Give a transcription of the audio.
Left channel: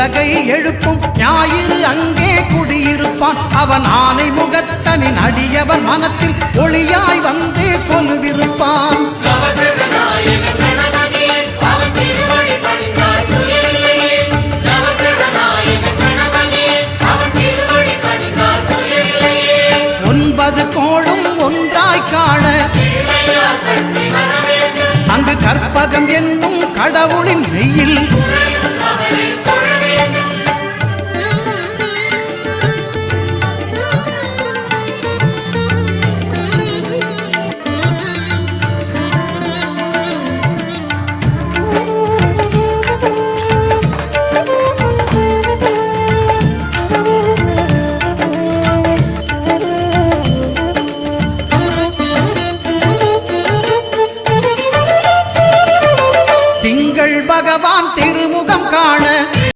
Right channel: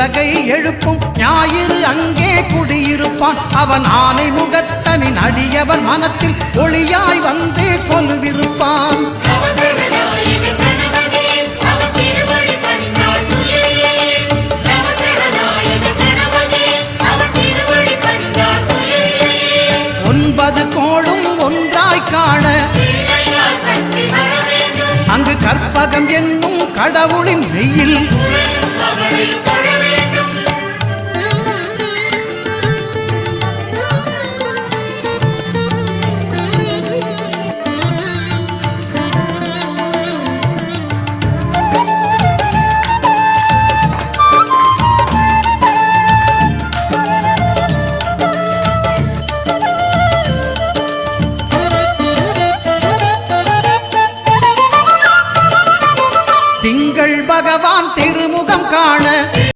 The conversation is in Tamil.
உலகை எழுப்பும் ஞாயிறு அங்கே குடியிருப்பான். அவன் ஆனை முகத்தனின் அடியவர் மனத்தில் ஒளியாய் வந்து கொலுவிருப்பான். ஒன்பது கோளும் ஒன்றாய் காண அங்கு கற்பகம் என்னும் கடவுளின் மெய்யில் திங்கள் பகவான் திருமுகம் காண